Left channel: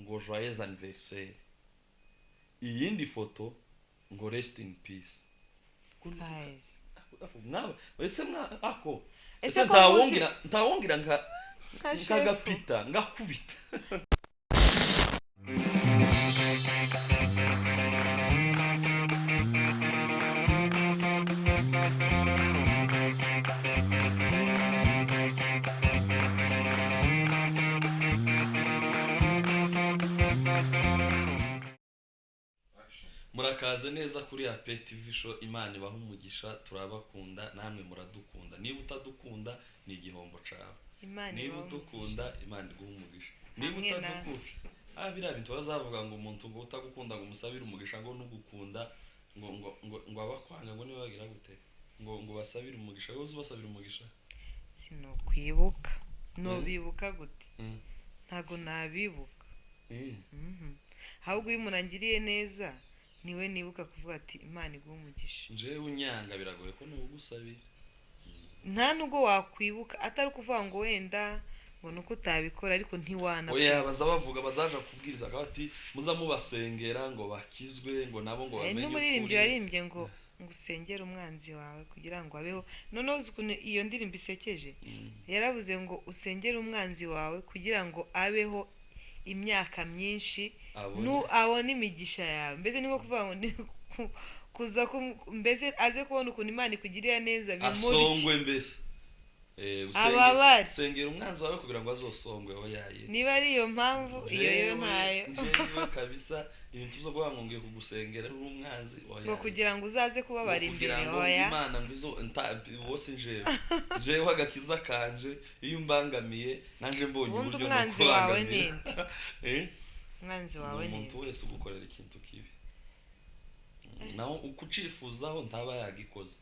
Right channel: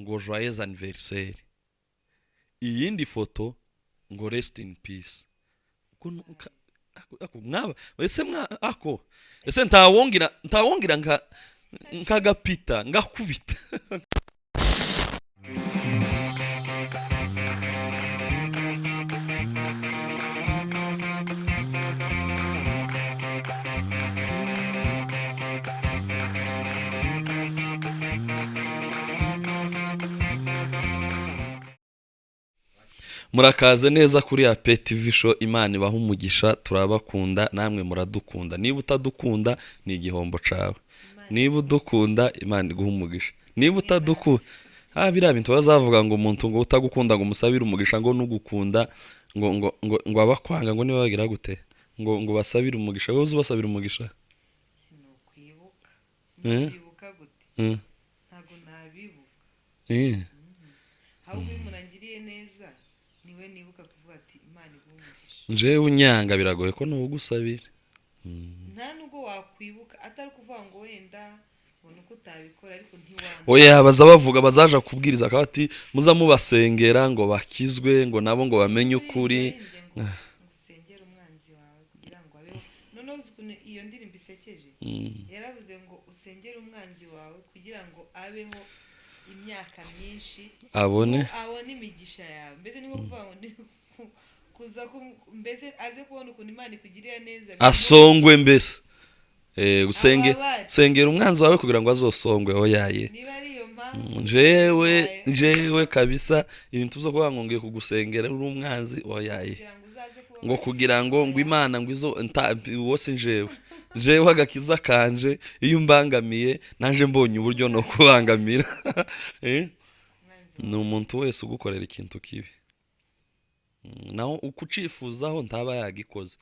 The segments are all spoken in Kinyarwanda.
ngo joyeux anniversaire, iyindi foto ngo rest in peace. Guys. Mwaba ese ako Ese ese ko ntawongira Nka nkagapita ngakubita. Murakaze neza kuri ya TV show. Imana ibaha umugisha, turabakunda namwe muradukunda. Niba utadukunda ni igihombo cawe, niba udukunda Imana iguha umugisha, niba utadukunda biriya bintu bazavuga ngo umuntu ngo utagukunda ngo umusabire umugisha, ngo nugukunda ngo abakwanga ngo niba bagira gute ngo basabire umugisha. Wowe uzubasabira umugisha sinokwibuka nobibuka gute? Ntago nabibuka. Ahubwo iyo umuntu angiriye neza niwe nibuka kuvuga ati Imana iguha umugisha. Njewe unyanga biragoye ko nugusabira. Nta nubwo wakwibuka atari kuvuga ngo wenda ngo nuko utabikora ariko ntiwana. Oya bazabavuga bazaja kubwiriza akati muza mubasengera ngo bakizwe ngo nabo ngo bamenye ukuri. Ngo usengere umwanzi wawe kugira ngo abeho. None uzi ko iyo ndirimbo isekeje. Yaravuze ngo usengere umwanzi wawe kugira ngo abeho imyaka myinshi abone imigisha yawe. Mbese niko kuvuga ngo kuza mbese aze kubona ukuntu Imana ikugirira neza asongwe. Mbese usengera umwanzi wawe kugira ngo azosongwe. Oyaye niba ari iyo mpamvu jewe kabisa ibintu zo kuvuga ngo ngiye kugusengera uri umwanzi. Oyaye kugira ngo uzaze kuba ngo kugira ngo Imana ngo izo wose jewe agakiza kanje iyo mbangamiye naje mbonye uburyo no kubangamira. Ni umuntu wese ugukorera ikintu kibi naho ukucifuzaho ntaba yagikoze.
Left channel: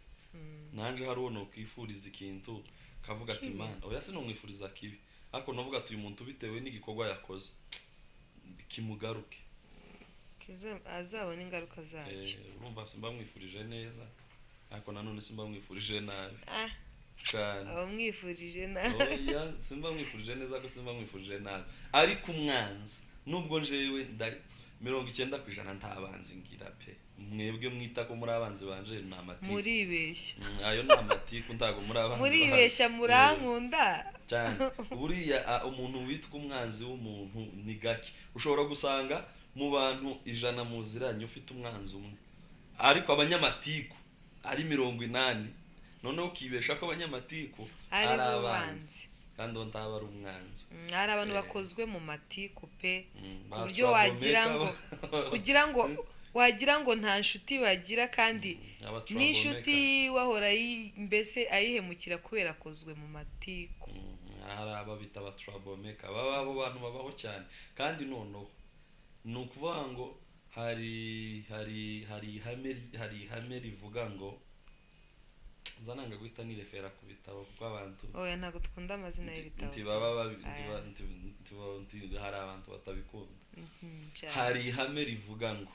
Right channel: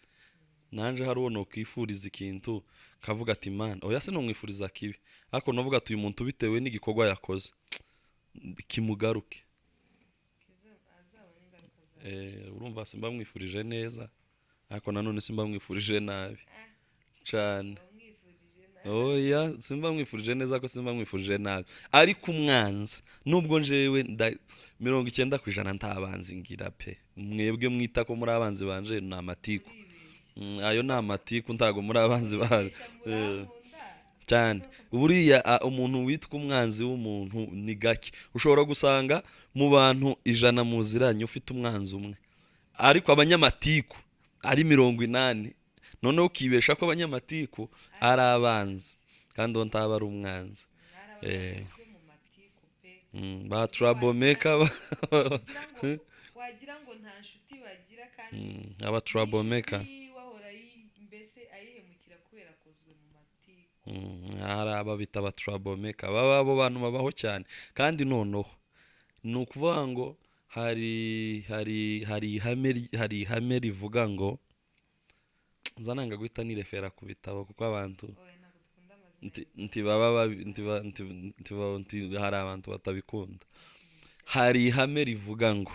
Nanje hari uwo kwifuriza ikintu kavuga ati Imana oya se no mwifuriza kibi, ariko navuga ati uyu muntu bitewe n'igikorwa yakoze kimugaruke azabona ingaruka zacyo. Urumva simba mwifurije neza ariko nanone simba mwifurije nabi cyane. Mwifurije nabi oya simba mwifurije neza ko simba mwifurije nabi. Ariko umwanzi nubwo njewe 90% ntabanzi ngira pe. Mwebwe mwita ko muri abanzi banje na amatiku muribeshya. Ayo na amatiku ntago muri abanzi banje muribeshya murankunda cyane. Buriya umuntu witwa umwanzi w'umuntu ni gake. Ushobora gusanga mu bantu 100 muziranye ufite umwanzi umwe, ariko abanyamatiku ari 80. None ukibesha ko abanyamatiku ari abanzi kandi ntaba ari umwanzi. Ari abantu bakozwe mu matiku pe. Batrabomeka kugira ngo wagira ngo nta nshuti bagira kandi n'inshuti wahora mbese ayihemukira kubera akozwe mu matiku. Hari ababita batrabomeka baba abo bantu babaho cyane. Kandi noneho ni ukuvuga ngo hari ihame rivuga ngo nzananga guhita nirefera ku bitabo kuko abantu oya ntago dukunda amazina y'ibitabo hari abantu batabikunda. Hari ihame rivuga ngo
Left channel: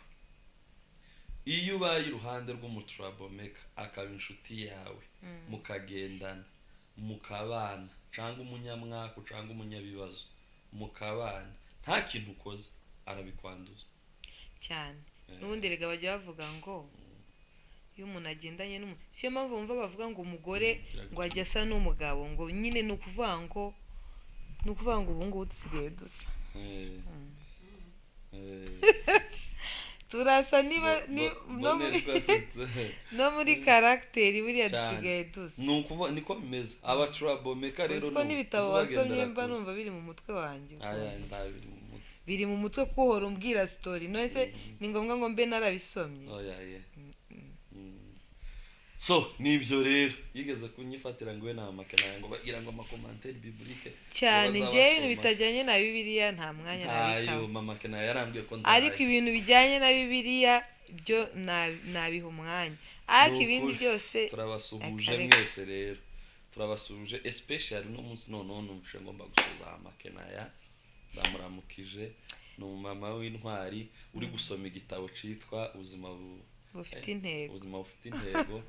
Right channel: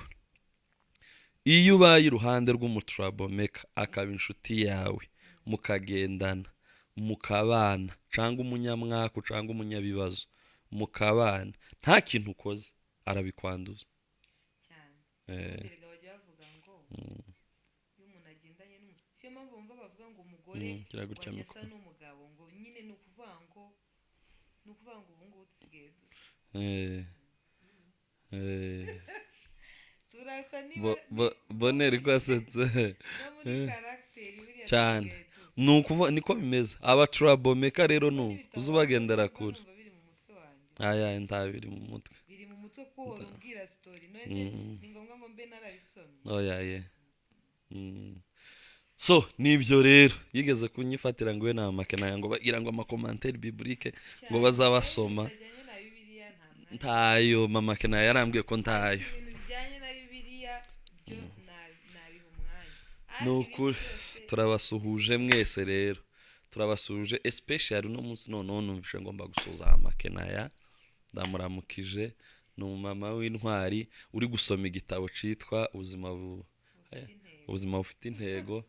iyo ubaye iruhande rw'umutrabomeka akaba inshuti yawe mukagendana mukabana cyangwa umunyamwaka cyangwa umunyabibazo mukabana nta kintu ukoze arabikwanduza cyane. N'ubundi rega bajya bavuga ngo iyo umuntu agendanye siyo mpamvu bumva bavuga ngo umugore ngo ajya asa n'umugabo ngo nyine ni ukuvuga ngo ubu ngubu dusigaye dusa turasa niba boneri kwasetse no muri character buriya dusigaye dusa. Ni ukuvuga niko bimeze. Abatrabomeka rero uzubagendera kure numva biri mu mutwe wanjye. Aya ndabiri mu mutwe biri mu mutwe kuhora umbwira story nose ni ngombwa ngo mbe narabisomye. Oya so nibyo rero yigeze kunyifatira ngo we na makena ngo bagira ngo amakommentaire biblique ngo bazabasoma bitajyanye na Bibiliya nta mwanya ntayo. Mama Kena yarambwiye ko ntayo, ariko ibintu bijyanye na Bibiliya byo nabiha umwanya. Ariko ibindi byose turabasuhuje mwese rero turabasuhuje especially no munsi none numvishe ngomba gusuza Makena ya ndamuramukije. Ni umumama w'intwari uri gusoma igitabo citwa ubuzima bufite intego.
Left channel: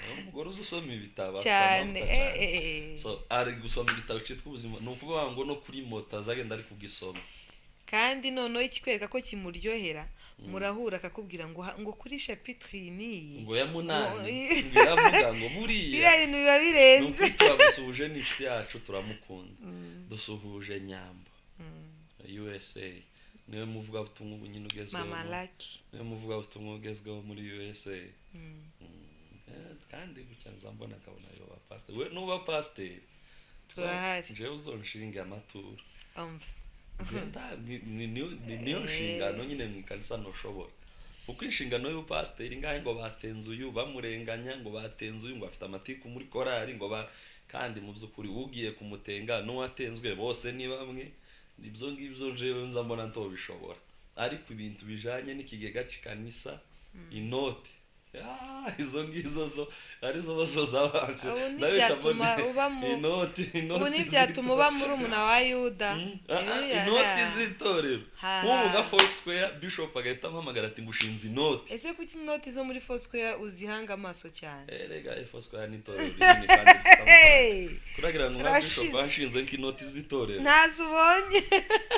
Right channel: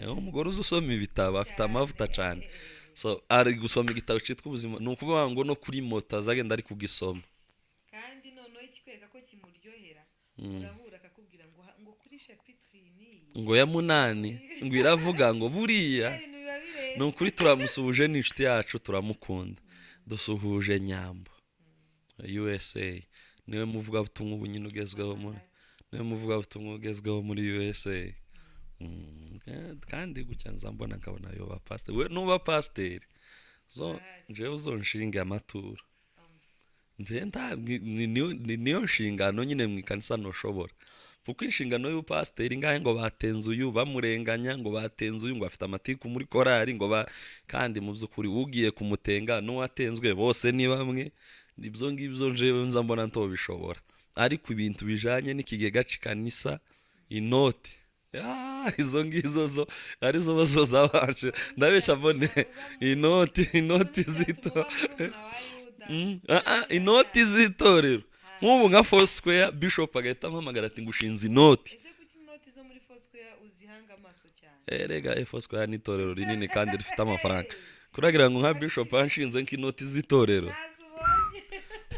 Umugore uzusoma ibitabo afite amavuta cyane. So ari gusoma igitabo citwa ubuzima, ni ukuvuga ngo no kuri moto azagenda ari kugisoma kandi noneho ikikwereka ko kimuryohera murahura akakubwira ngo kuri chapitre niyi ngo ya munani ngo iravuga ngo buriya ibintu biba birenze. ni ukuri turamusuhuje n'inshuti yacu turamukunda. Dusuhuje Nyambo USA, niwe muvugabutumwa ubu nyine ugezweho, niwe muvugabutumwa ugezweho muri USA. Kandi gutya nza mbona nkabona yo ba pastor, we nuba pasiteri jewe uzonshinga amaturo niyo nshingano nyine mu ikanisa ntushobora, kuko inshingano y'ubupasiteri ngahe ngo batenze uyu bamurenganya, ngo batenze uyu ngo afite amatiku muri korari ngo kandi mu by'ukuri ugiye kumutenga n'uwatenzwe bose ni bamwe. Ibyo ngibyo njewe nza mbona ntobishobora, ariko ibintu bijanye n'ikigega cy'ikanisa inoti izo ngizo zo arizo bazoza banje ndabesha mbone inoti byatuma uba muri umuna wa Yuda. Inoti z'itorero nk'ubu nka Foursquare Bishop agahita ampamagara ati ngushinze inoti. Ese kuki inoti zo muri Foursquare uzihanga amaso cyane? Rega Foursquare ni itorero rinini kandi rifite amafaranga, kuragira ngo nka Bishop anshinze nk'inoti z'itorero ntazubonye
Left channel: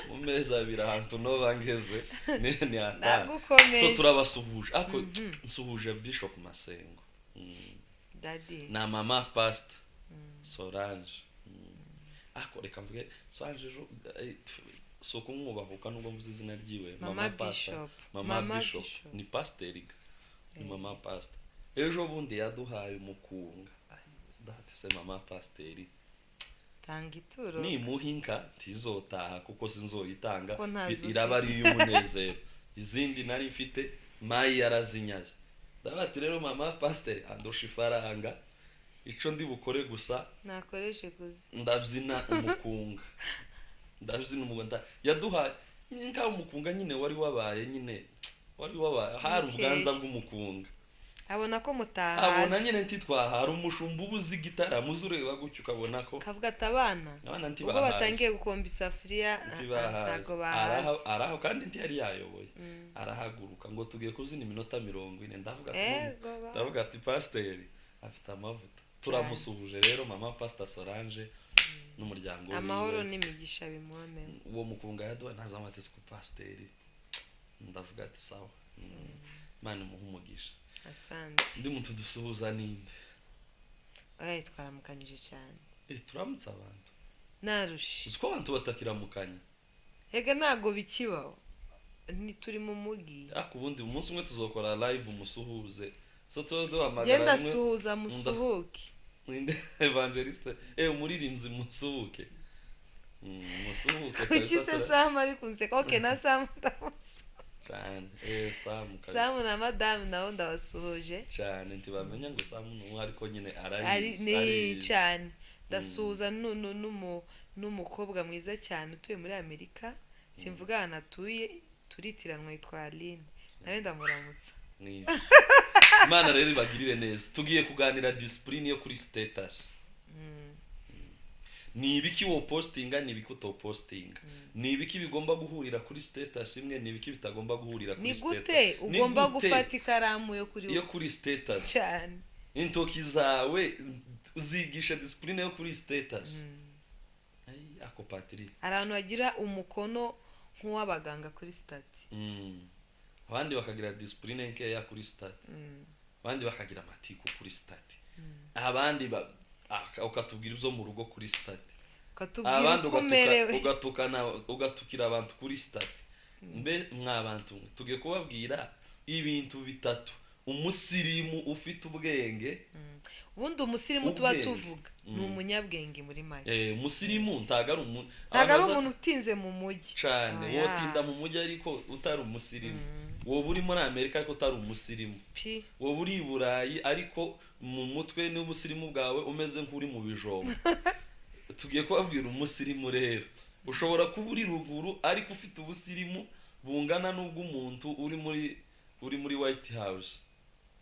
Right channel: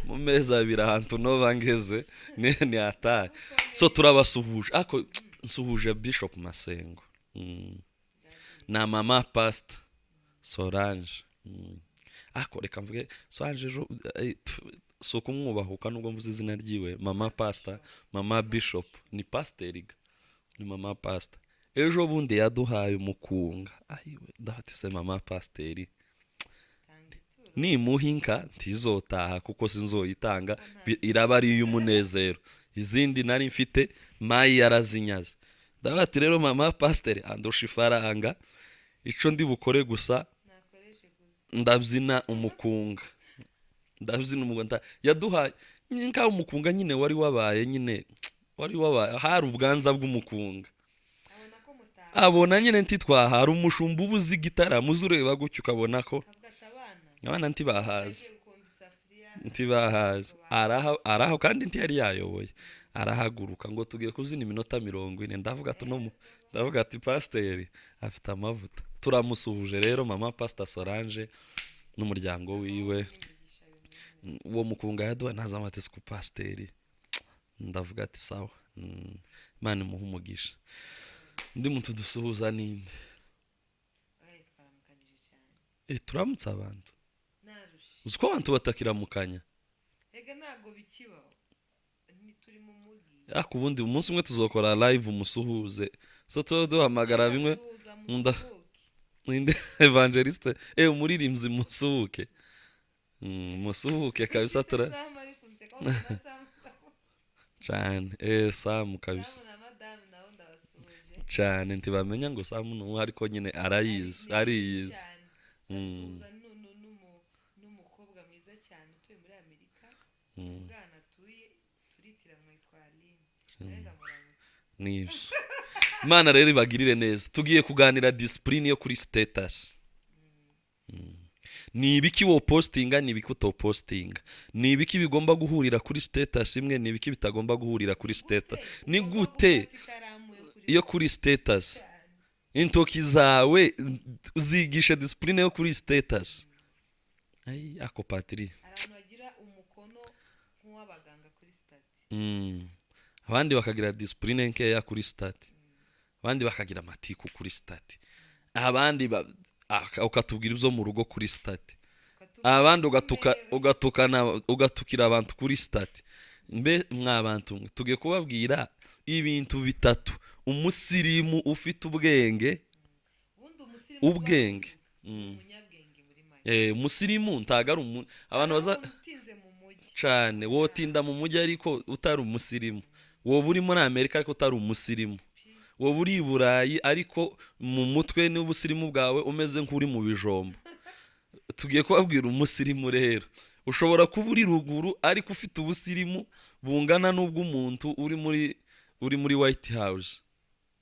mu meza abiri ahantu nova ngeze ni atari. So turabasuhuje ako nsuhuje Bishop Masengo na mama Pastor Solange. Ako reka mvuge Solange ejo so kumwubahuka nubwo mvuze izina ryiwe mama Pastor mama Bishop ni pasteriga ni mama Pastor. Ejo bundi yaduhaye umukunga dahati se mama Pasteri tangituro ni muhinka tizotaha kuko sinzoyitanga iraba ari y'umunezero. Izindi nari mfite mayi yarazinyaze ndabati rero mama Pasteri andusha ifaranga ico ndi bukore gusa nakoreshe gusa ndabyina umukunga yaduhaye nka umukunga nyine wari wabaye hari ubwanza bw'umukunga abona ko mutaha abona nyine ntitwaha hari umushumba ubuzi gitaramo uzureba gutyo ukabona ko kavuga atabana ntibahaze batangiye gukomba isafuriya ntibahaze araho kandi yari yayoboye arahaguruka ngo tugiye kubyina iminota 40. ndavuga ati pasiteri afite amavuta. Turamusuhuje rero mama Pastor Solange n'umuryango wiwe, amahoro n'imigisha bimone. Uwo mukunga yaduha ntazamate ku pasiteri, ndavuga ati sawa, Imana imuhe umugisha. Asante. Ndi muntu dusuhuza ninde twaramukanyije cyane turamutse abantu narushe uziko abantu batakiramukanya hega ntago bikibaho turi mu mugi. Ubundi umunsi umwe tuzokora live umusuhuze so duhamagara rimwe ndasuhuza musuhuke ninde evangeliste umuririmbyi musuhuke musuhuke kabisa tura Sam ari kunseka okay na Sam cyane Sam kabisa Sam na madame nawo ndabasuhuje cyane ntibamenya ngo Sam no ariko nyine arayizi ari cyane ndasuhuza n'umukobwa mwiza cyane utuye muri Amerika simvuga anatuye turitiranwa yitwa Aline nawe ndamuramutsa nibyo. Imana rero ibagirire neza. Tugiye kuganira discipline yo kuri status. Ni ibiki wo postinga ni ibiki uto postinga, ni ibiki bigomba guhurira kuri status imwe, ni ibiki bitagomba guhurira kuri status. Ni ugomba gufata ikaramu yo kuri status cyane intoki zawe uzigisha discipline yo kuri status. Ako patiri abantu bagira umukono nk'uwabaganga kuri stati. Abandi bakagira discipline nkeya kuri stati, abandi bakagira amatiku kuri stati, abandi ukatubwira ibyo mu rugo kuri stati, abandi ugatukira abantu kuri stati. Mbe mwabantu tugiye kubabwira ibintu bitatu umusirimu ufite ubwenge. Ubundi umusirimu tuba tuvuga ni umunyabwenge muri make. Umusirimu ntago ari umuntu utinze mu mujyi cyane, wotinda mu mujyi ariko utari umusirimu. Wowe uri muri Amerika ariko utari umusirimu, wowe uri i Burayi ariko mu mutwe n'ubusirimu bwawe umeze nk'uri mu bijombo. Tugiye kubabwira umusirimu rero ushobora kuba uri ruguru ariko ufite ubusirimu bungana n'ubw'umuntu uri muri White House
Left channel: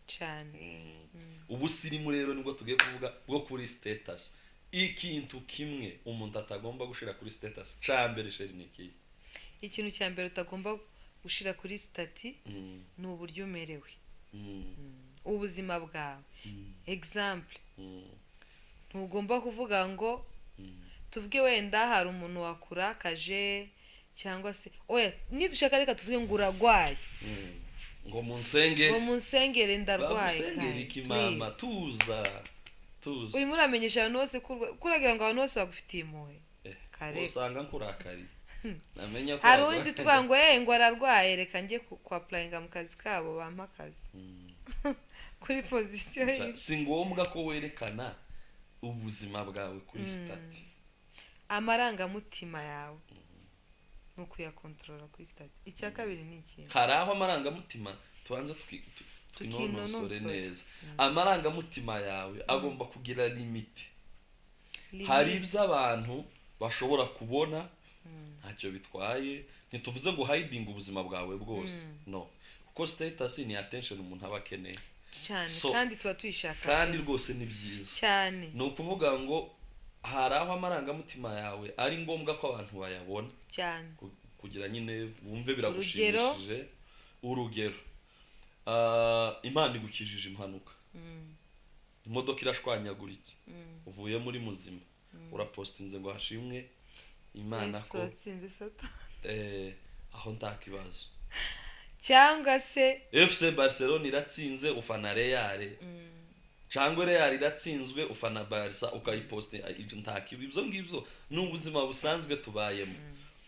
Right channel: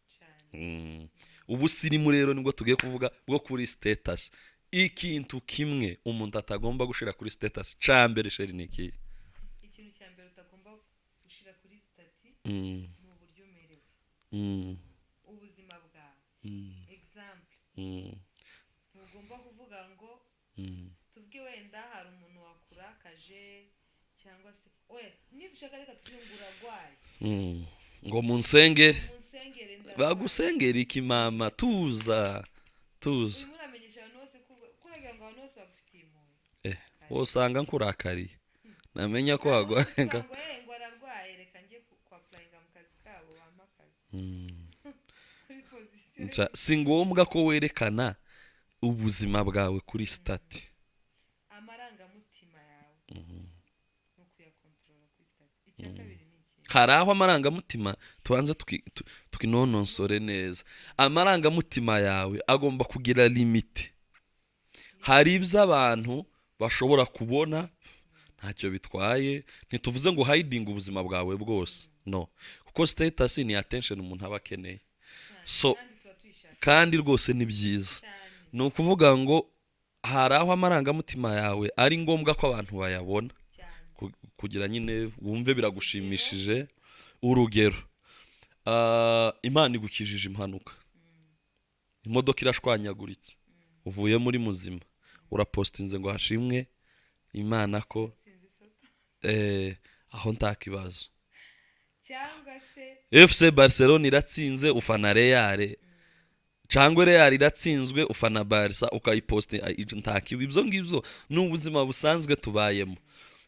cyane. Ubusirimu rero nibwo tugiye kuvuga bwo kuri status. Ikintu kimwe umuntu atagomba gushira kuri status cyambere sheri niki, ikintu cyambere utagomba gushira kuri stati ni uburyo umerewe, ubuzima bwawe. Example, ntugomba kuvuga ngo tuvuge wenda hari umuntu wakurakaje cyangwa se oya nidushaka reka tuvuge ngo uragwaye ngo munsenge ngo munsengere ndarwaye bagusengera iki mama tuza urimo uramenyesha abantu bose kuragira ngo abantu bose bagufitiye impuhwe usanga nkurakariye namenya ko hari undi twango ngo ararwaye reka njye kwapurayinga mu kazi kabo bampa akazi kuri pozisiyo si ngombwa ko werekana ubuzima bwawe kuri stati amarangamutima yawe no kuyakontorora kuri stati icya kabiri ni iki hari aho amarangamutima tubanza tukinonosore neza amarangamutima yawe agomba kugira limite hari ibyo abantu bashobora kubona ntacyo bitwaye ntituvuze ngo hiding ubuzima bwawe bwose no kuko status ni attention umuntu aba akeneye kandi tuba tuyishaka kandi rwose ni byiza cyane ni ukuvuga ngo hari aho amarangamutima yawe ari ngombwa ko abantu bayabona cyane kugira nyine wumve biragushimishije urugero Imana igukijije impanuka imodoka irashwanyaguritse uvuye muri muzima urapostinze ngo hashimwe Imana ko aho nta kibazo cyangwa se FC Barcelona iratsinze ufana Real cyangwa Real iratsinzwe ufana Barca ukayiposte nta kibi ibyo ngibyo ni ubuzima busanzwe tubayemo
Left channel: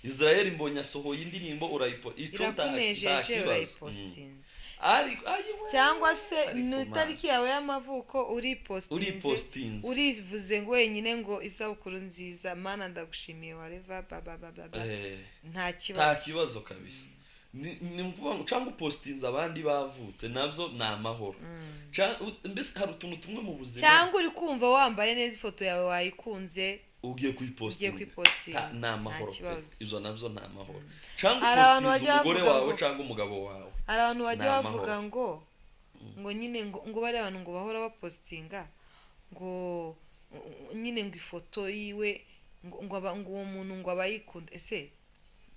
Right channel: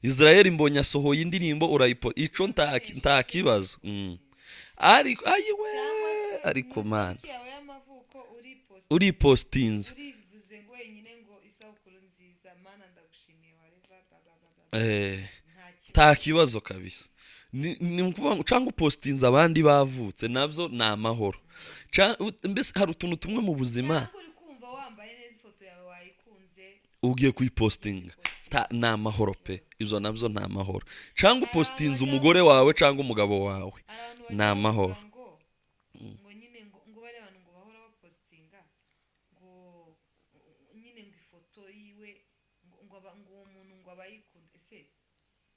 Israel mbonye asohoye indirimbo urayipo ico nta kibazo cyangwa se tariki yawe y'amavuko uripostinze urivuze ngo wenyine ngo isabukuru nziza mana ndagushimiye whatever nta kibazo kabisa ni ukuvuga ngo cyangwa upostinze abandi bavutse nabyo ni amahoro mbese hari utuntu tumwe mu buzima cyangwa uri kumva wambaye neza ifoto yawe wayikunze ugiye kuyipostinga ni amahoro pe izo nabyo ni amahoro cyangwa upostinze umugore wawe cyangwa umugabo wawe ni amahoro ngo nyine ngo bari abantu ngo bahora bapostinga ngo nyine ngo ifoto yiwe ngo uwo muntu ngo abayikunda ese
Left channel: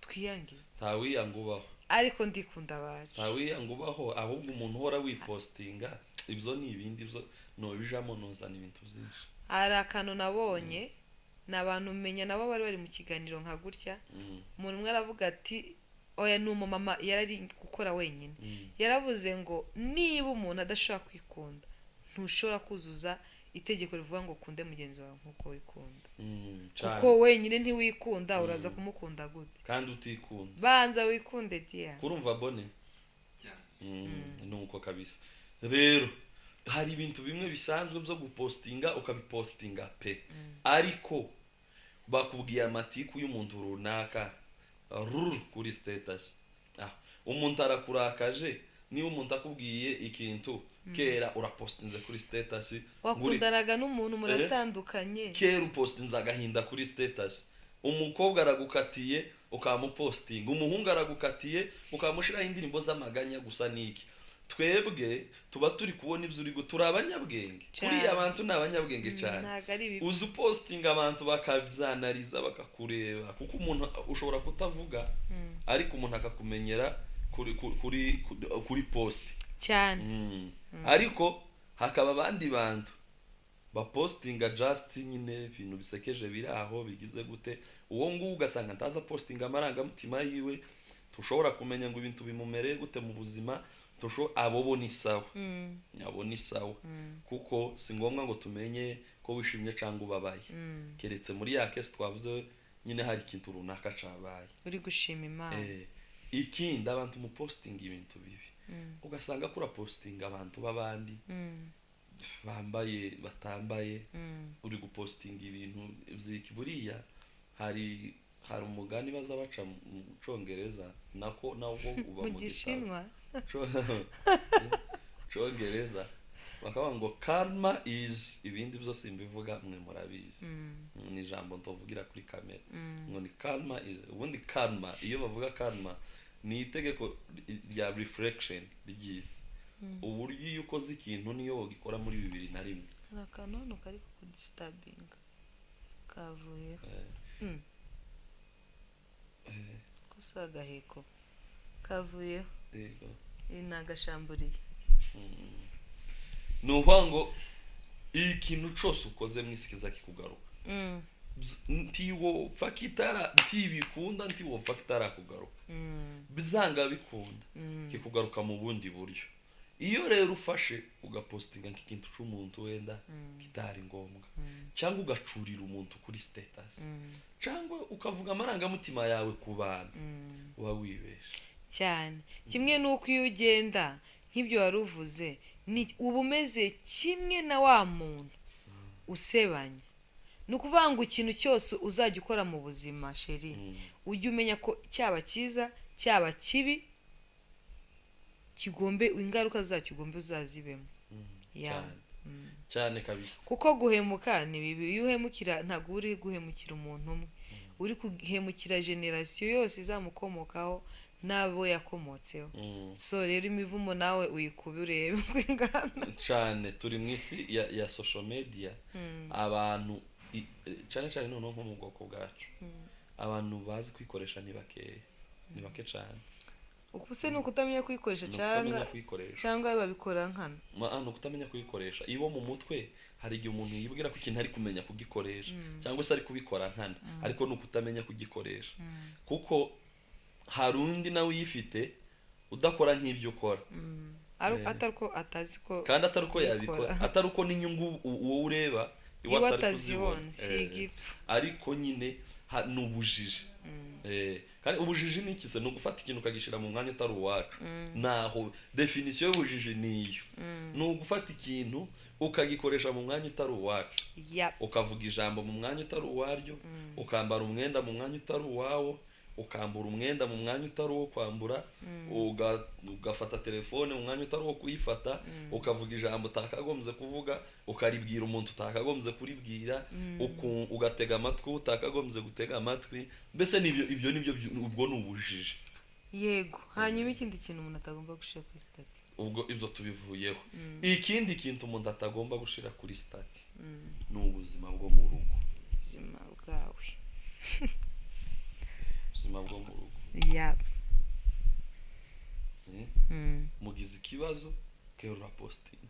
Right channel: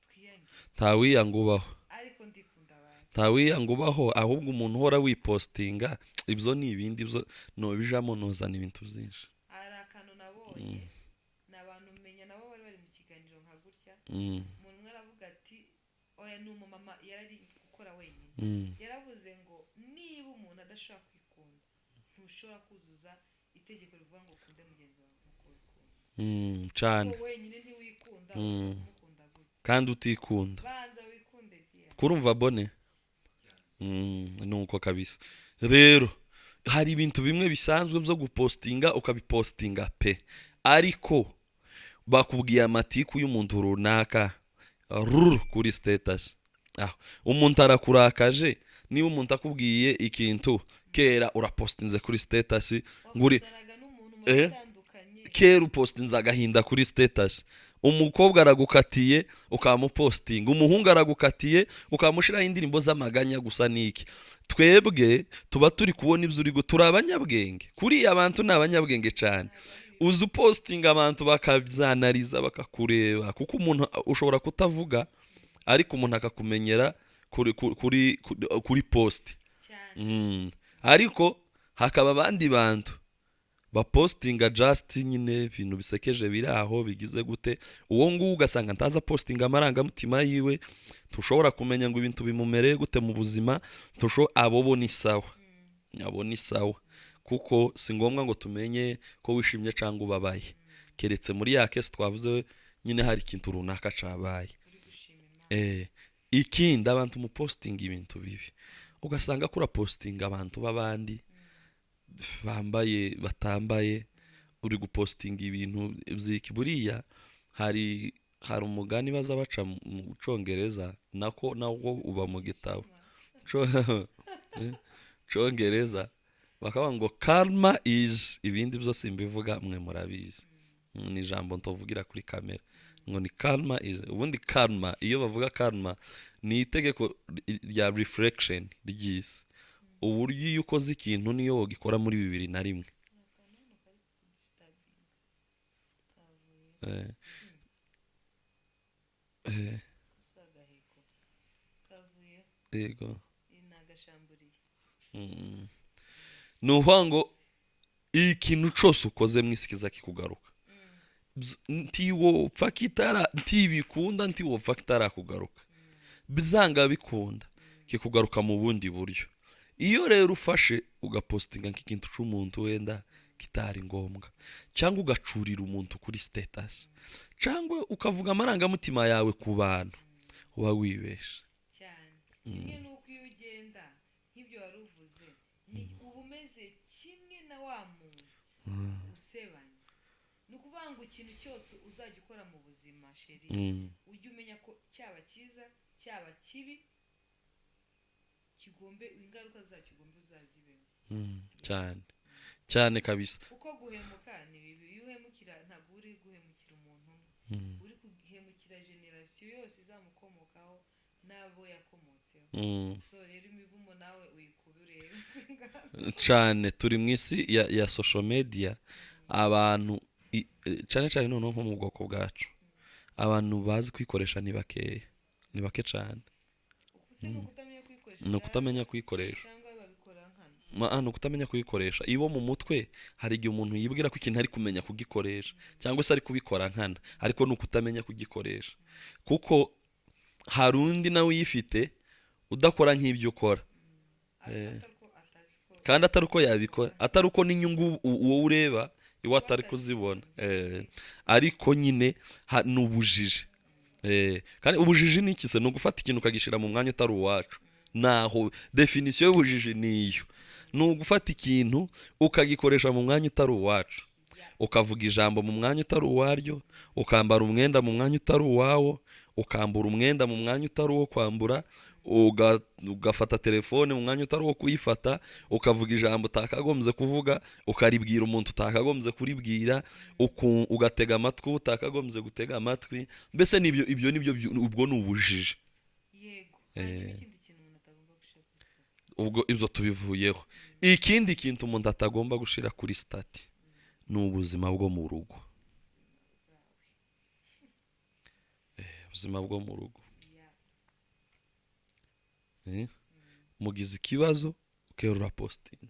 twiyange ntawiyanga ubaho ariko ndikunda abantu ntawiyanga ubaho ahubwo umuntu uhora wipostinga ibyo ni ibindi byo nobijamo nozana ibintu byinshi hari akantu nabonye ni abantu umenya nabo bari mu kiganiro nka gutya umuntu umwe aravuga ati oya ni umumama yari gukora wenyine yaravuze ngo niba umuntu adashobora kwikunda ntushobora kuzuza itegeko rivuga ngo ukunde mugenzi wawe nk'uko wikunda kuko wenyine ntiwikunda uraza kumukunda gute kandi utikunda banza wikunde diya kurumva bone nuko kabisa rero hari ibintu bimwe bisanzwe byo gupostinga ukabipostinga pe ariko bakubwiye amatiku y'umuntu runaka kuri status umuntu arakurakaje niba umuntu akubwiye ikintu kera urapostinze kuri status wakundanaga n'umuntu muratandukanye kera upostinze agahinda kuri status umukobwa aragukatiye ukamupostinga umuhungu aragukatiye ukamushiraho indirimbo z'amaganya gusa niki twebwe tuba turi kubona ibyo uri turi abanyabwenge kuri abantu ni abanyabwenge cyane uzi upostinga abantu bakabyanariza bakakureba kuko umuntu ushobora kutavuga ariko umuntu akakumenyera kuri post cyane ariko hakaba abandi bantu bapostinga just nyine ibintu bisekeje biri aho bigize gute uwo nguwo ugasanga ntaza postinga amarangamutima yiwe tushobora kumenya ngo ibintu bimumereye gute mu buzima abo ni sawa kuko si ngombwa ngo tumenye ko wishimye cyangwa ubabaye keretse muri ya case twavuze nyine hari ikintu runaka cabaye uri gushima Imana ikindi abantu mu posting ibintu bibi ugasanga kura posting abantu babandi bambaye batambaye uri gupostinga ibintu byiki buriya hari umugani baza baca mu Congereza nako uba mu gitabo Congereza bakaba ngo karma is ibindi byose mbivuga mwe murabizi ni ijambo ntovugira kuri kamera ngo ni karma is ubundi karma iyo bavuga karma ni itegeko rya reflection ry'isi uburyo iyo ukoze ikintu niyo wogikora muri 2001 akantu kari kudisturbing kavuye gusa gaheko kavuye yego inagashamburiye nuho ngo ikintu cyose ukoze mwisikiza kikugaruka ntiwopfa kitara ntibikunda ntiwopfa kitarakugaruka bizanga bikunda kikugaruka mu bundi buryo. Iyo rero ufashe ugapostinga nk'ikintu c'umuntu wenda kitari ngombwa cyangwa ugacurira umuntu kuri status cyangwa ukavuga amarangamutima yawe ku bantu uba wibesha cyane. Kimwe nuko iyo ugenda nk'ibyo wari uvuze uba umeze kimwe na wa muntu usebanya. Ni ukuvuga ngo ikintu cyose uzajya ukora mu buzima sheri ujye umenya ko cyaba cyiza cyaba kibi kigombe ingaruka zacyo ugombe uzazibemo cyane cyane kabisa. Kuko guhemuka ni bibi. Iyo uhemukira ntabwo uri guhemukira umuntu umwe, uri guhemukira generasiyo yose izamukomokaho n'abo yakomotseho. So rero imivumo nawe uyikuba urebe cyane. Turi mu isi ya social media, abantu cyane cyane noneho nko mu bwoko bwacu abantu bazi kwikoresha ni bake cyane. Ukuse no kutamenya kuyikoresha cyangwa babikora nkana. No kutamenya kuyikoresha. Ibo mu mutwe hari igihe umuntu yibwira ko ikintu ari kumenya kugikoresha cyangwa se ari kubikora nkana, ariko no kutamenya kugikoresha. Kuko hari undi nawe uyifite udakora nk'ibyo ukora, ataruko atazi ko kandi ataruko yabikora, ataruko n'inyungu uwo ureba iwa atari kuzibona. Ariko nyine n'ubujiji. Kandi ubujiji ni iki se? No gufata ikintu ukagishira mu mwanya utari uwacu. Naho definition y'ubujiji niyo. No gufata ikintu ukagikoresha mu mwanya utari uwacu. Ukavuga ijambo mu mwanya utari uwaryo, ukambara umwenda mu mwanya utari uwawo, ukambura umwenda mu mwanya utari uwo kwambura, ugafata telefone mu mwanya utari uwo kuyifata, ukavuga ijambo utakagombye kuvuga, ukaribwira umuntu utakagombye kuribwira, ugatega amatwi utakagombye gutega amatwi. Mbese ibyo nibyo ubwo ni ubujiji. Yego. Hanyuma ikindi kintu umuntu atagomba gushira kuri stati, ubwo ibyo tubivuyeho. Ikindi kintu umuntu atagomba gushira kuri stati ni ubuzima bwo mu rugo. Ubuzima bwawe. Ubuzima bwo mu rugo. Mugize ikibazo ukerura posting.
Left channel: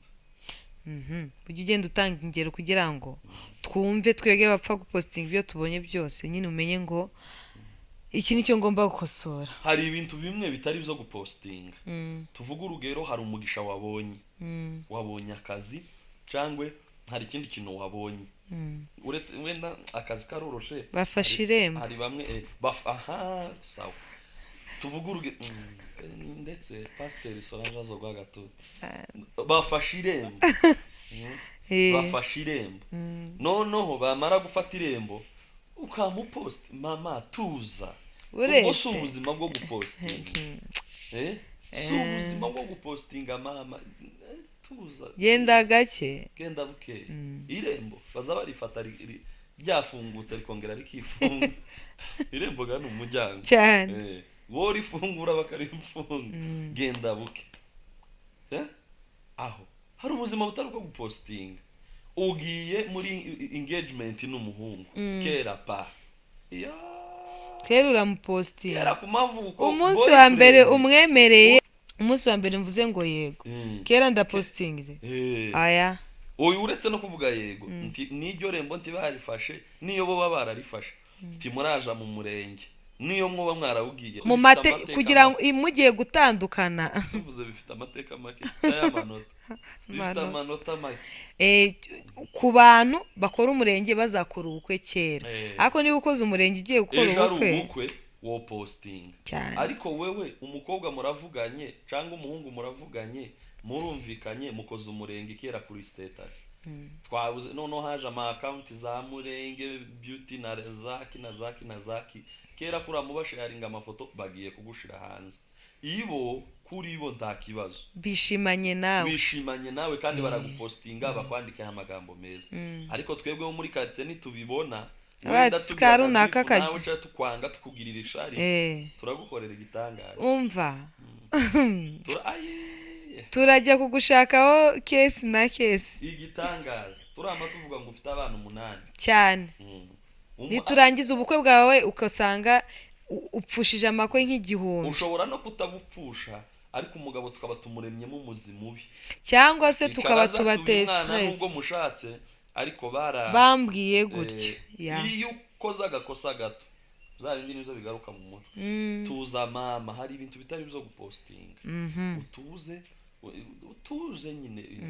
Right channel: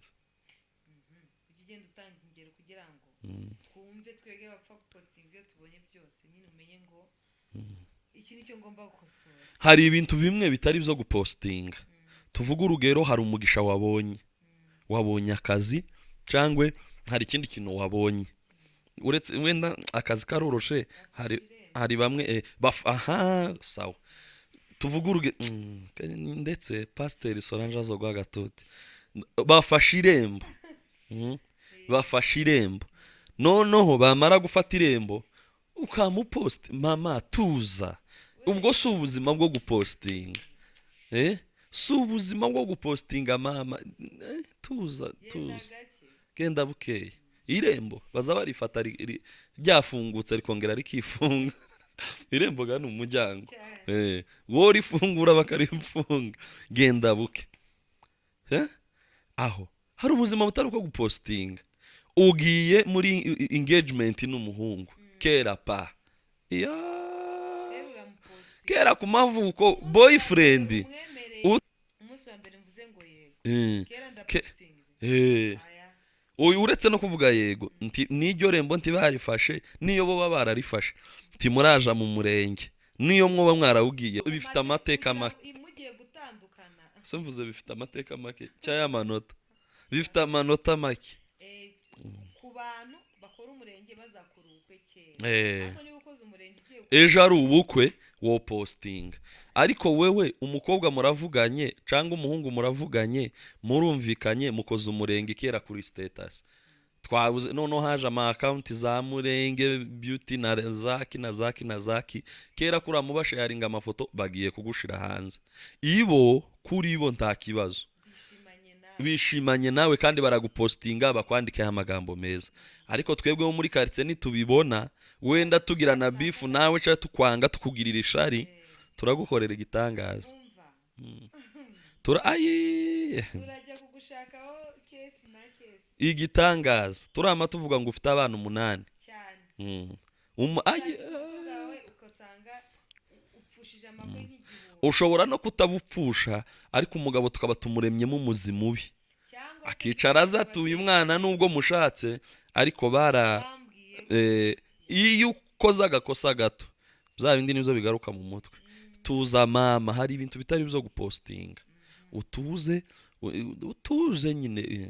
Ujye ugenda utanga ingero kugira ngo twumve twege bapfa gupostinga ibyo tubonye byose, nyine umenye ngo iki nicyo ngomba gukosora. Hari ibintu bimwe bitari byo gupostinga. Tuvuga urugero, hari umugisha wabonye akazi cyangwa hari ikindi kintu wabonye. Uretse wenda akazi karoroshe, hari bamwe sawa. Tuvuga urugero ndetse Pasteur Solange azogwa gatote bafashe irembo. Bafashe irembo. Noneho bamara gufata irembo ukamupost mama tuza. Ubwo si ubuzima bwo gupostinga. Si ubuzima bwo gupostinga mama tuza. Genda gake. Genda buke. Irembo baza barifata ryafungutse rikongera rikifunga. Irembo gano umujyango. Wo rifungura bakarifunga. Genda buke. Aho hari ubuzima butari bwo gupostinga. Ugiye muri engagement n'umuhungu kera pa. Kera uramupostinga. Kera ku mavuko boyfriend. Umunsi wa mbere umwemereye. Umunsi wa mbere mvuze ngo yego. Kera ndapostingize. Aya. Oyo uretse no kuvuga yego. Niryo rembo ntibarifashe niyo bo bararifashe. Timuraja mu murenge. Niyo mwoba mwarawugiye. Kugira ngo imugiye gutandukana. Simvuze bifite amateka make y'amanota. Bifite amanota make. Ku bantu bakora umurenge bazakora ubukwe kera. Ariko niba ukoze umurenge ugiye gukora ubukwe. Ejo ari ubukwe wo posting. Ariko wewe umukobwa muravuganye cyangwa umuhungu muravuganye murumvikanye mukoze umurenge kera kuri status. Twabuze noneho haje ama account za murenge beauty na zaki kera kuri amubasha yaringa amafoto bagiye kugushira hanze. Ibo kuri bo nta kibazo. Bishimanye nawe kandi baragupostinga bakwandikaho amagambo meza. Ariko twebwe muri quartier nitubibona wenda tugira na bifu nawe cyangwa tukwanga tukugirira ishari turagukorera igitangaza. Umva. Turajya kugushakaho case na case. Igitangaza. Turama tuvuga ngo ufite abana 8 cyane. Niturangiza ubukwe bwawe ukasanga upfushije amakwe nk'igihumbi. Ushobora no kutabupfusha ariko umugabo tukaba tumuremyemo umuzimu ubi. Cyangwa se tukaba tubatesta. Umwana nubwo mushatse ariko bambwiye gutya. iyo ukoze agakosa gato bya bindi nibyo bigaruka mu mutwe. Tuza mama, hari ibintu bitari byo gupostinga. Utuze nyine,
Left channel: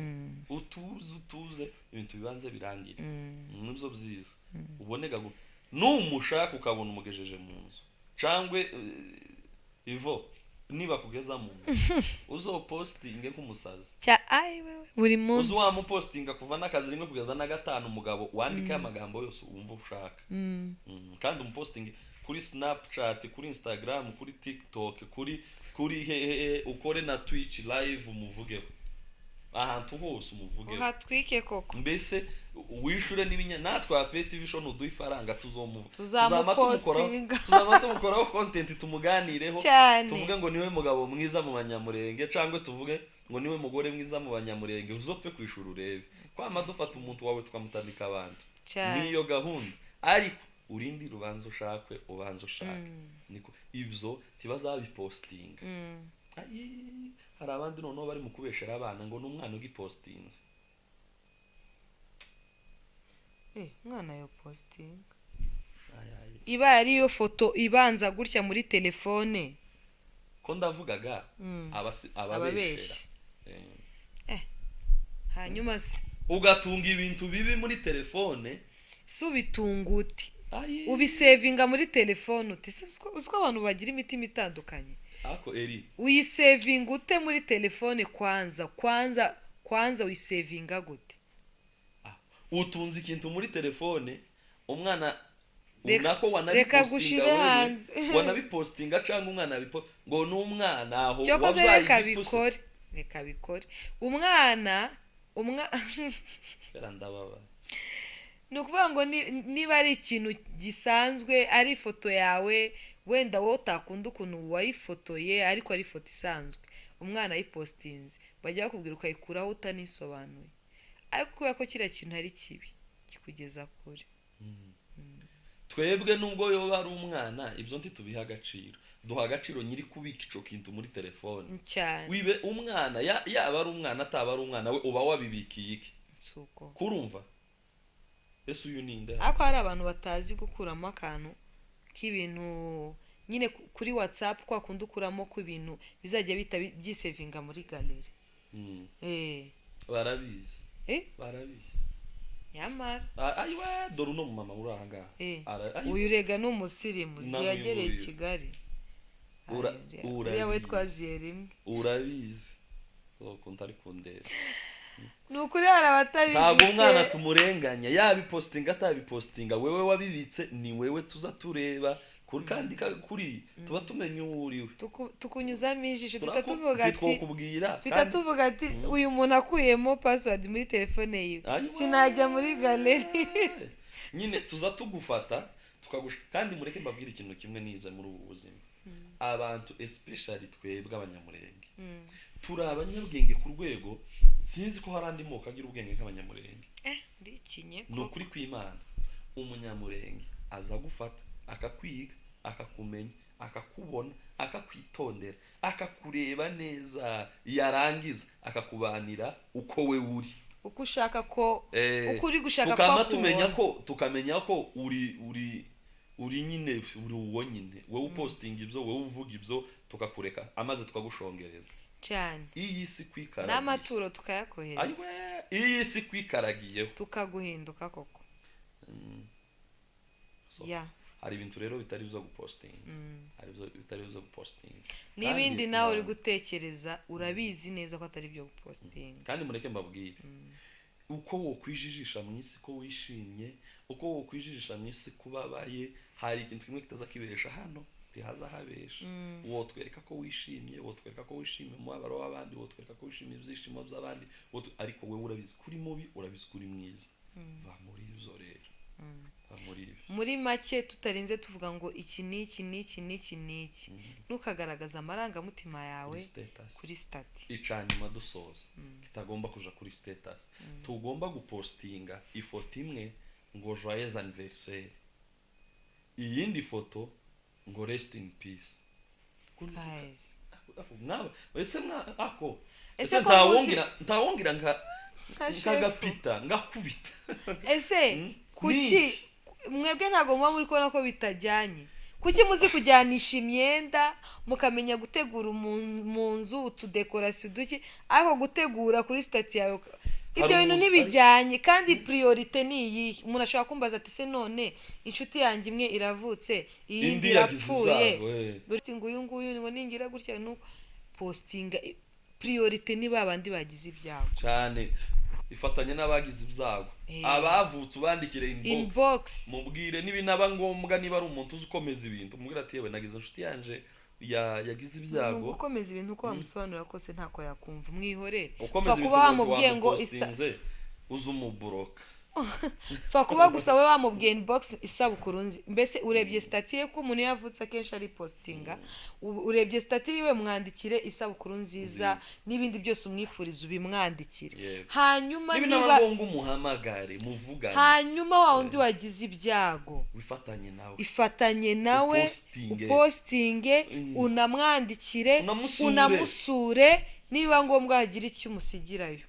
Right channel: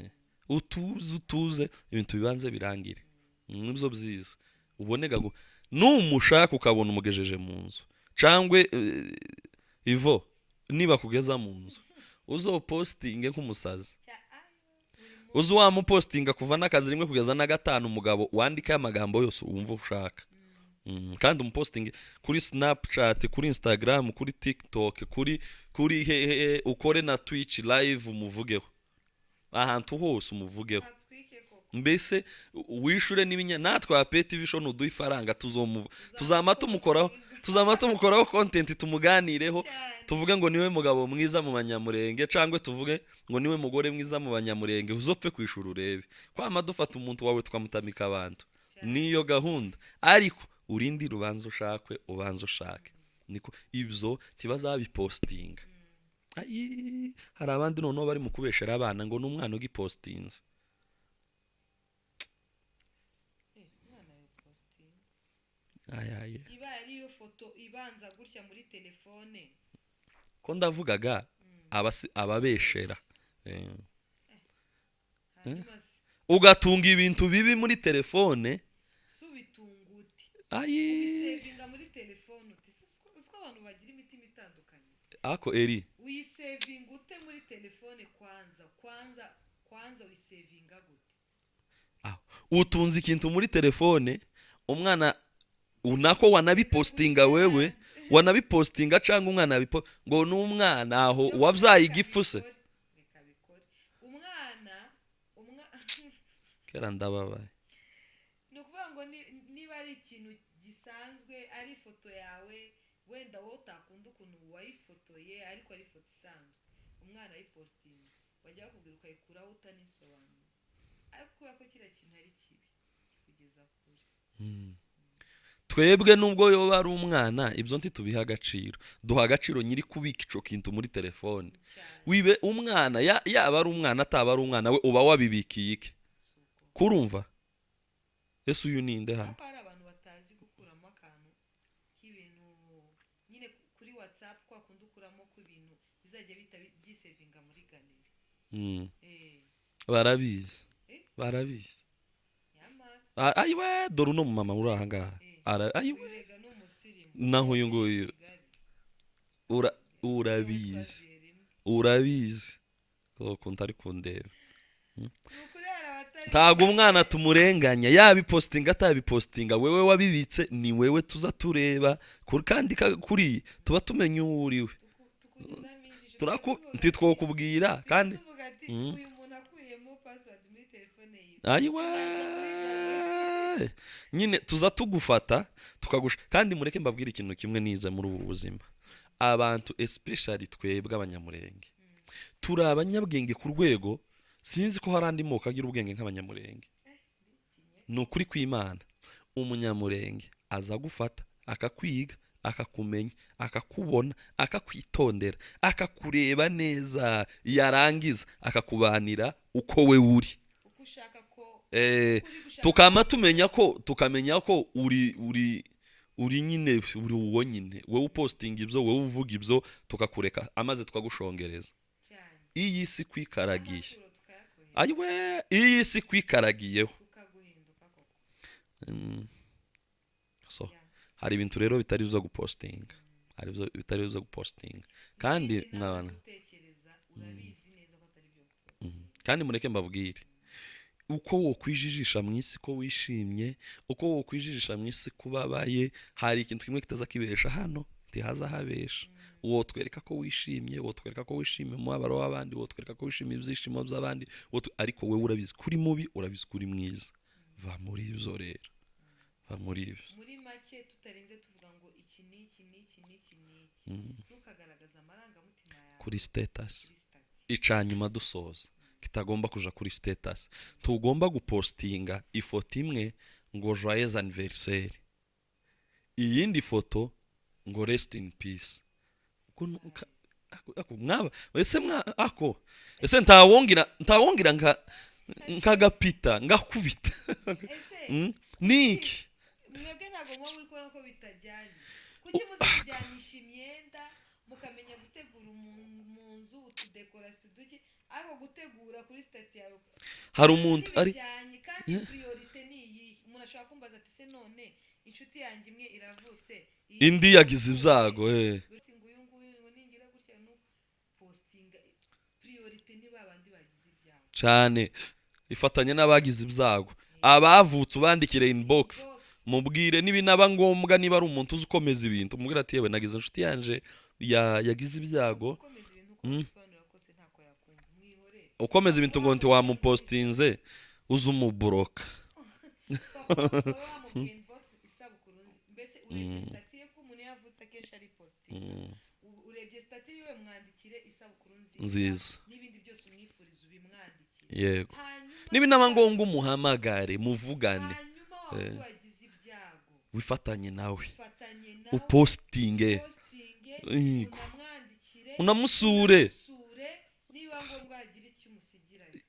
utuze ibintu bibanze birangire. Nibyo byiza. Ubonega ngo numushaka ukabona umugejeje mu nzu cangwe ivo niba kugeza mu nzu uzopostinge nk'umusazi buri munsi, uzi wamupostinga kuva n'akazi rimwe kugeza na gatanu umugabo wandika amagambo yose wumva ushaka. Kandi umupostinge kuri Snapchat, kuri Instagram, kuri TikTok, kuri ukore na Twitch live umuvugeho ahantu hose umuvugeho, hatwike koko. Mbese wishure n'ibinya natwe APT TV show nuduha ifaranga tuzama tumukoraho content tumuganireho, tuvuge ngo niwe mugabo mwiza mu Banyamurenge, cangwe tuvuge ngo niwe mugore mwiza mu Banyamurenge, uzopfe kwishura urebe kwama dufata umuntu wawe twamutamika abantu. Niyo gahunda, ariko urindi rubanza ushakwe ubanza ushake. Niko ibyo tibazabipostinga. Hari abandi noneho bari mu kubeshera abana ngo n'umwana ugipostinze. Mwana yo posting iba ariyo foto ibanza gutya muri telefone ko ndavugaga ababeshera. Hanyuma se ugatunga ibintu bibi muri telefone, subitunguti ubisevinga muri telefone uti uziko abantu bagira imitima itandukanye. Ako eri uyisevinga ute muri telefone kwanza uyisevinga gute? Utunze ikintu muri telefone, umwana unako wanabipostinga wewe, wanabipostinga cyangwa umwana ngo n'umwana aho wabyaye igipfuse. Reka bikore umwana kera ndababaye. Nukuvuga ngo niba ari ikintu gisanzwe, ari ifoto yawe wenda wowe utakunda ukuntu wayifotoye ariko ari ifoto isanzwe, umwana ayipostinze bajya bakubwira ukayikuraho utanisobanuye, ariko kubera ko kiriya kintu ari kibi kikugeza kure. Twebwe nubwo yoba ari umwana ibyo ntitubiha agaciro, duha agaciro nyiri kubika ico kintu muri telefone. Wibe umwana yaba ari umwana ataba ari umwana, we uba wabibikiye iki? Kurumva Yesu uyu ninde hano? Ako hari abantu batazi gukuramo akantu k'ibintu nyine kuri WhatsApp, kwa kundi ukuramo ku bintu bizajya bita byisevinga muri galeri. Barabizi. Barabizi. Yamara. Ayiwe dore no mama uri aha ngaha. Uyu rega n'umusirimu yagereye Kigali. Urabizi. Urabizi. Ukuntu ari kundera. Nukuri hari abatabizi. Ntabwo umwana tumurenganya, yabipostinga atabipostinga, wewe wabibitse ni wewe tuza tureba kandi kuri tuba tumenye uriwe. Tukunyuzamo ijisho tukatuvuga twokubwira kandi tuvuga ati uyu muntu akuyemo password muri telefone yiwe sinajya muri galeri. Nyine tuza tugufata tukagusha. Kandi mureke mbabwira ikintu kimwe nize muri ubu buzima, abantu especially twebwe Abanyamurenge turi abanyabwenge ku rwego sinzi ko hari andi moko agira ubwenge nk'Abanyamurenge. Ni ukuri kw'Imana. Umunyamurenge aza gufata akakwiga, akakumenya, akakubona, akakwitondera, akakureba neza, yarangiza akakubanira uko we uri, uko ushaka ko ukuri gushaka tukama tukamenya ko uri nyine uri uwo nyine, wowe upostinga ibyo, wowe uvuga ibyo, tukakureka amaze tukagushongereza cyane. Iyi si kwikaragiye n'amaturo tukayakohereza. Ayiwe iyi si kwikaragiyeho tukaguhinduka koko. Hari ibintu rero bitari byo gupostinga. Hari bitari byo gupostinga. N'ibindi nawe uri gutekereza urabizi neza ko atari byo gupostinga. Kandi mureke mbabwire, uko wo kwijijisha mu isi ko wishimye, uko wo kwijijisha mu isi kubabaye, hari ikintu kimwe kitaza kibesha hano tihaza habesha. Uwo twereka ko wishimye, uwo twereka ko wishimye mu mabaro w'abandi, uwo twereka ko wishimye ibyishimo by'abandi, ariko we urabizi kuri mubi, urabizi kuri mwiza. Va muri ibyo rero. Muri make tutarinze tuvuga ngo iki niki ntukagaragaza amarangamutima yawe kuri status. Icanyuma dusoza kitagomba kuja kuri status, tugomba gupostinga ifoto imwe ngo joyeux anniversaire, iyindi foto ngo rest in peace. Ese ntawongira nkagapita ngakubita. Ese kuki mwebwe ntabwo muba muri kubona ko bitajyanye. Kuki muzi kujyanisha imyenda mukamenya gutegura mu nzu utudekorasiyo duki, ariko gutegura kuri stati yawe ibyo bintu ntibijyanye. Kandi priorite ni iyi. Umuntu ashobora kumbaza ati se none inshuti yanjye imwe iravutse indi yagize ibyago ngo uyu nguyu ngo ningira gutya nuko postinga. Priorite ni babandi bagize ibyago cyane. Ifatanye n'abagize ibyago, abavutse ubandikire inbox mubwire nibinaba ngombwa, niba ari umuntu uzi ukomeza ibintu mubwire ati yewe nagize inshuti yanje yagize ibyago. Ukomeza ibintu uko wamusobanurira kose ntako yakumva, mwihorere. Ukomeza ibintu ngo wamupostinze uzi umuboroka fa kuba gusa we wamubwiye inbox isabukuru nzi. Mbese urebye stati ye ko umuntu yavutse akenshi ari postinga, urebye stati yiwe mwandikire isabukuru nziza n'ibindi byose umwifuriza ubimwandikire. Hanyuma nibinaba ngombwa umuhamagare muvugane. Hanyuma wa undi wagize ibyago ifatanye nawe postinge unamwandikire unamusure niba ngombwa hagira icyo umusigirayo.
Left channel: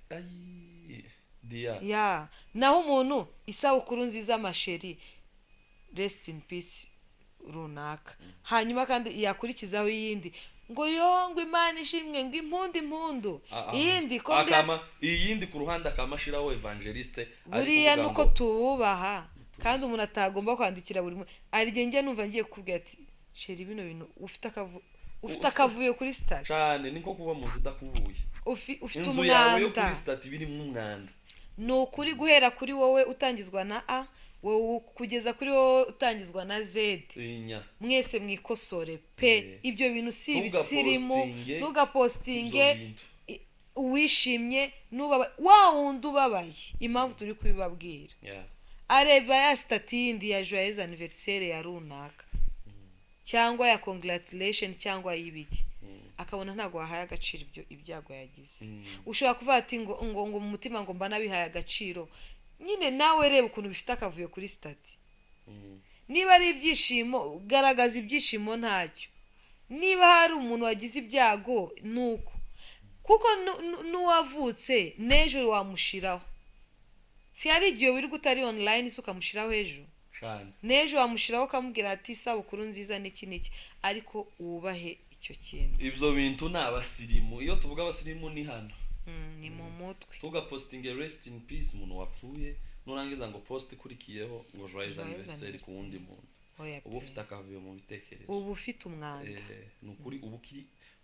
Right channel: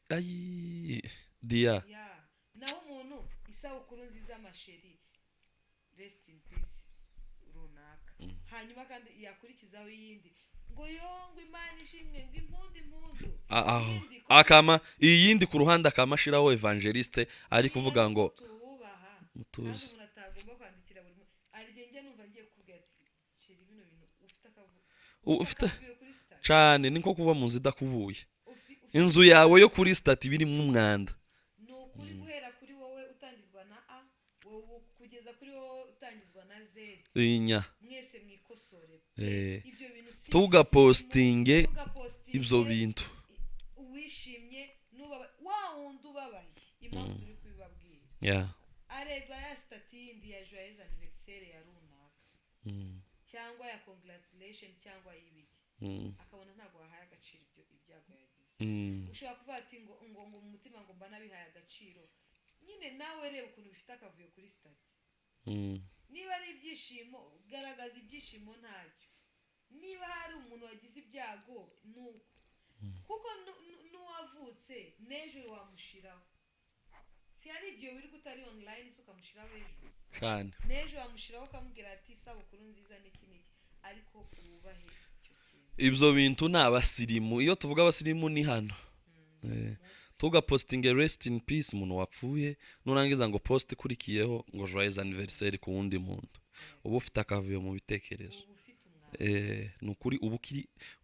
Dia naho umuntu isabukuru nziza amasheri rest in peace runaka. Hanyuma kandi yakurikizaho yindi ngo yongwe Imana ishimwe ngo impundu yindi akama iyindi ku ruhande akamashiraho evangeliste ari kuvuga ngo tubaha. Kandi umuntu atagomba kwandikira buri arigenge numva ngiye kukubwira ati sheri bino bintu ufite akavuye kuri stat cyane. Niko kuba muzi dakubuye inzu yawe yo kuri stat biri mu mwanda. No kuri guhera kuri wowe utangizwa na A, wowe kugeza kuri wowe utangizwa na Z. Mwese mwikosore pe. Ibyo bintu si tugapostinge ibyo bintu uwishimye nuba wa wundi ubabaye. Impamvu turi kubibabwira areba ya stati yindi ya joyeux anniversaire ya runaka cyangwa ya congratulation cyangwa y'ibiki, akabona ntago wahaye agaciro ibyago yagize. Ushobora kuvuga ati ngo mu mutima ngo mba nabihaye agaciro. Nyine nawe reba ukuntu bifite akavuyo kuri stati. Niba ari ibyishimo garagaza ibyishimo ntacyo. Niba hari umuntu wagize ibyago nuko kuko nuwavutse nejo wamushiraho. Si ari igihe wiri gutari online isuka mushiraho ejo nejo wamushiraho kamubwira ati isabukuru nziza niki ariko ubahe icyo kintu. Ibyo bintu n'abasirimu. Iyo tuvuga abasirimu ni hano ni mu mutwe. Tugapostinga rest in peace umuntu wapfuye nurangiza ngo post kurikiyeho ngo joyeux anniversaire ku wundi muntu. Ubu ufite akavuyo mu bitekerezo, ubu ufite umwanda. Nukuri ubu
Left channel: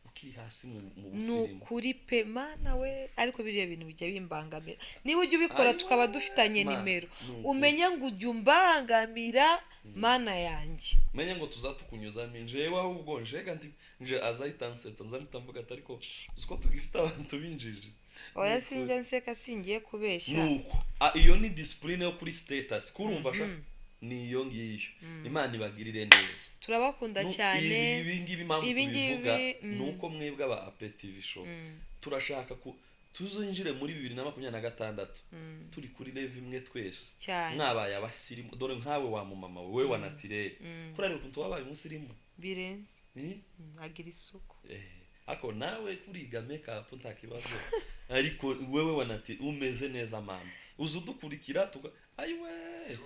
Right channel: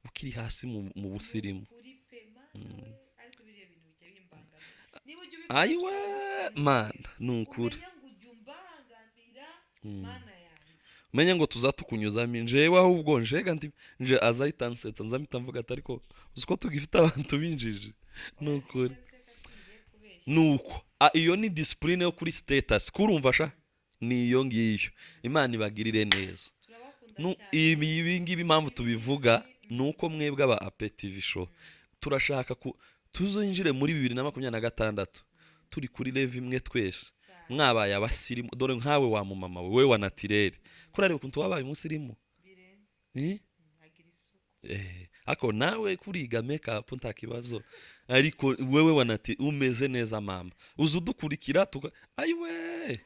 ukiri hasi mu busirimu. Nukuri pe Mana we. Ariko biriya bintu bijya bimbangamira. Niba ujye ubikora tukaba dufitanye nimero umenya ngo ujye umbangamira Mana yanjye. Menye ngo tuzatukunyuzamo njewe ahubwo njega nje azayitansetsa nzamita mvuga ati ariko uziko tugifite abantu binjije. Oya sinjye nseka singiye kubeshya. Nuko iyo ni discipline yo kuri status kurumva niyo ngiyo. Imana ibagirire neza. Turabakunda cyane. Ibi ngibi impamvu tubivuga nuko mwebwe aba APTV show turashaka tuzinjire muri 2026 turi kuri level imwe twese. Mwabaye abasirimu dore nkawe wa mama wewe wa naturel kurare ukuntu wabaye umusirimu birenze agira isuku. Ako nawe kuriga makeup ntakibazo ariko wewe wa naturel umeze neza mama uzudukurikira ayiwe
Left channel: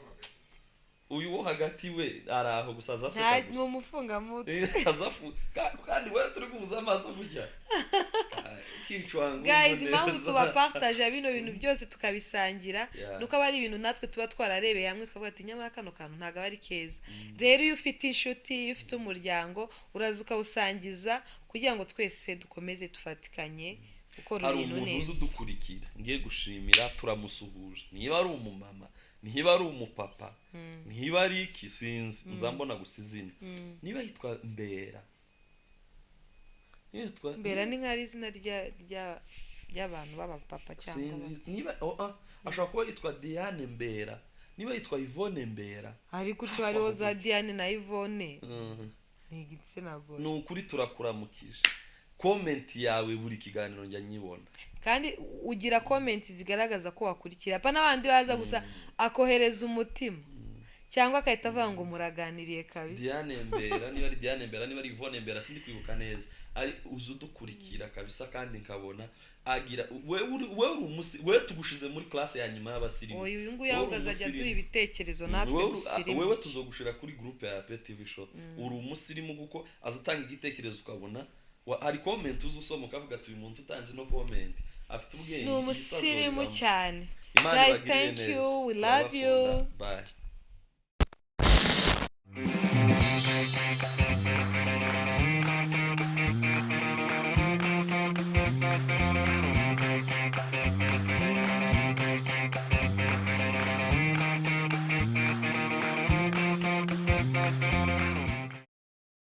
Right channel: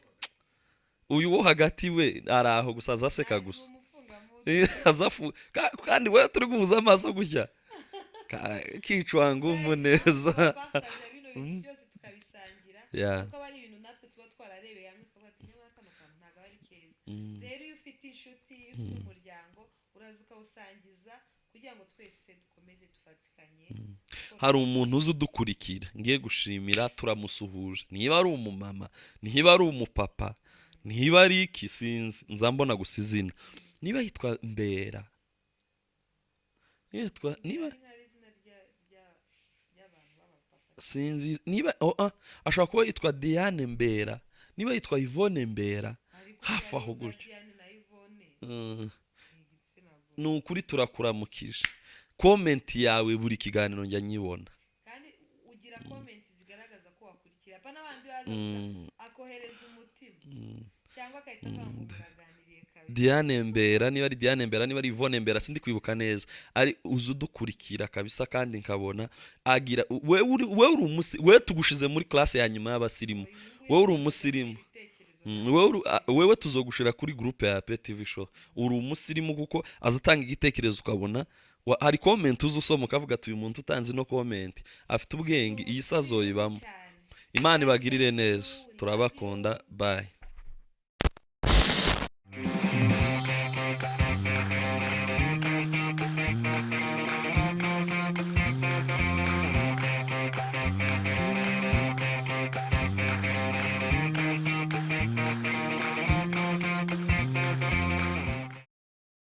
uyu wo hagati we araho gusaza seka gusa n'umufunga muti azafu kandi we turi guhuza amaso gushya kicwangu neza tubapartage bino bintu byose tukabisangira nuko bari ibintu natwe tuba twararebeye hamwe twavuga ati nyama kano kantu ntaga bari keza. Rero iyo ufite inshuti iyo ufite umuryango urazuka usangiza kugira ngo twese dukomeze tufatikanye. Hari umuntu uzi udukurikira ngiye gushimira turamusuhuje. Niba ari umumama niba ari umupapa niba ari iki sinzi nzambona gusizina. Niba yitwa Mbera ni nk'ari izina ry'abantu baba papa cyangwa sinzi. Niba ashobora kuba yitwa Diane Mbera, niba yitwa Yvonne Mbera. Ariko twariho za Diane na Yvonne ni igitsina gore. Ni ukuri turakuramukije. Comment yawe buri kiganiro njya nyibona. Kandi ugira comment zigaragaza ko wakurikira. Pa n'abandi baza gusa akohereza umutima. cyangwa akahita avuga ngo muraganiriye kabisa. Diane Mbera niba ari Diane Mbera niba ari Yvonne Mbera sindi kwibuka neza, ari uzudukurikira kabisa kandi nkabona agira we uri we tugushize muri classe ya nyuma y'abasirimu, we uri umusirimu ibitekerezo natwe wewe tuzogushira kuri groupe ya PTV show, uri umusirimu kuko azatanga igitekerezo ukabona hari comment uzusoma ukavuga ati uyu muntu utanze no comment afite ubwenge iyi sazo ibamo. Imana ibagirire neza, turabakunda, bye.